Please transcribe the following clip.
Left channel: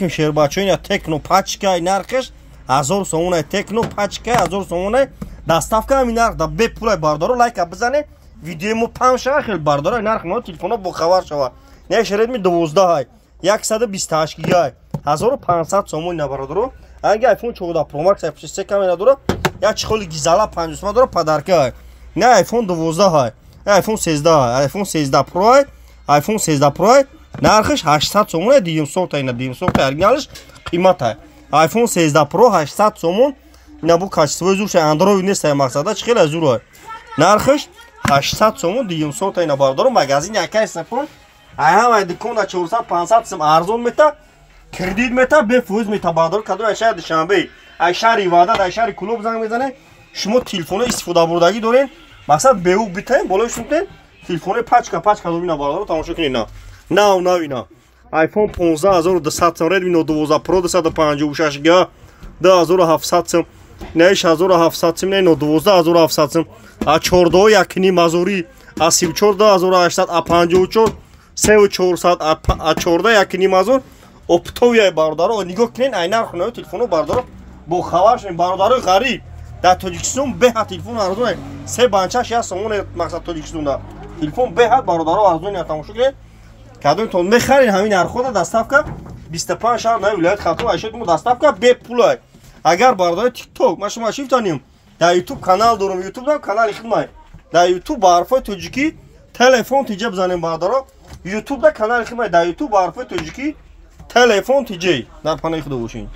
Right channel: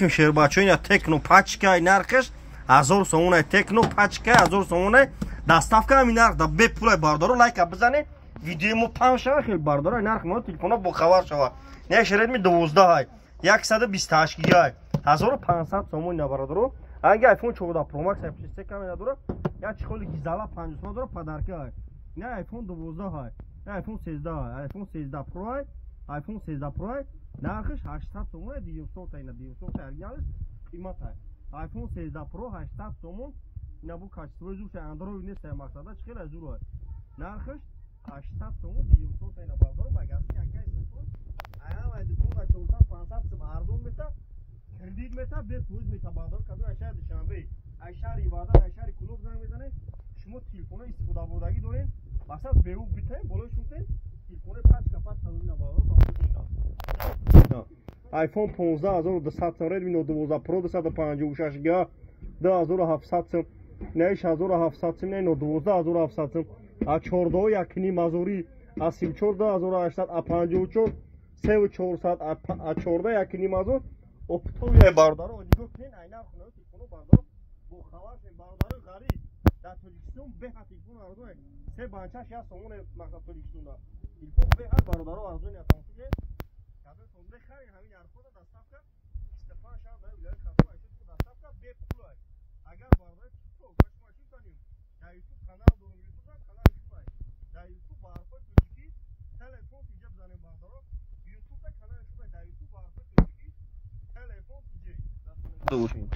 Sherbachoniya tekno pachka narxش 1000 so'm tekno pachka 1000 so'm dastavka ham narx da be pul bardoro лайк бизане видеомо памша хел бардора нарх мо телефона бо хабар шава не шередми 12 128 гигай 1500 so'm на бардоро аги iPhone 14 Pro Max F3 камера дора я чхоли гизала 50 дора подарка не iPhone 12 iPhone 13 iPhone 13 Pro iPhone 13 Pro нархш 800 so'm 200 та ина 200 та оригиналш қимат iPhone 13 Pro 800 so'm ина бу качествои зурш Android нест мақсада чхела зур нархш 800 so'm 200 та ина бардор магазин якай сапон ҳама дукона 400 500 сом арзон мета кредит мета бефуз мета бардор кадо ашар душанбе ашар ивада ашар клуб занг мезане шумо телефон истифода бурдаги дорен мақсад беу битаем болош шунтен телефон пачка добина бардор тамошо кинина на вина iPhone 15 1200 сом Redmi Note 12 Pro 256 GB 2700 сом не 6700 сом не Note 12 2700 сом а 14 якни мазури а 34800 а 54 3400 а 14 якни мазур оптовия бардоро нигоҳ кинен ай нарх наё телефоно бардоро бо хабарш бардоро ғариб дар Тоҷикистон беҳад телефон арзон се банча 6 сом мақсад Тоҷикистонда телефон беҳад бардоро арзон я тамошо кинен кадомтон мехарин ҳамин нархода доставка 25 шаҳр наи вилоят хатум айшотмо доставка бепулай агар бардори TikTok ма шумо шифтаним дар YouTube канал дорам YouTube дам канали хидмай дар YouTube ба ҳарфои тоҷикӣ телефон тиҷа бизанем бардоро YouTube да канали хидмай дар YouTube ба ҳарфои тоҷикӣ телефон тиҷа дар паноҳи худо бошед.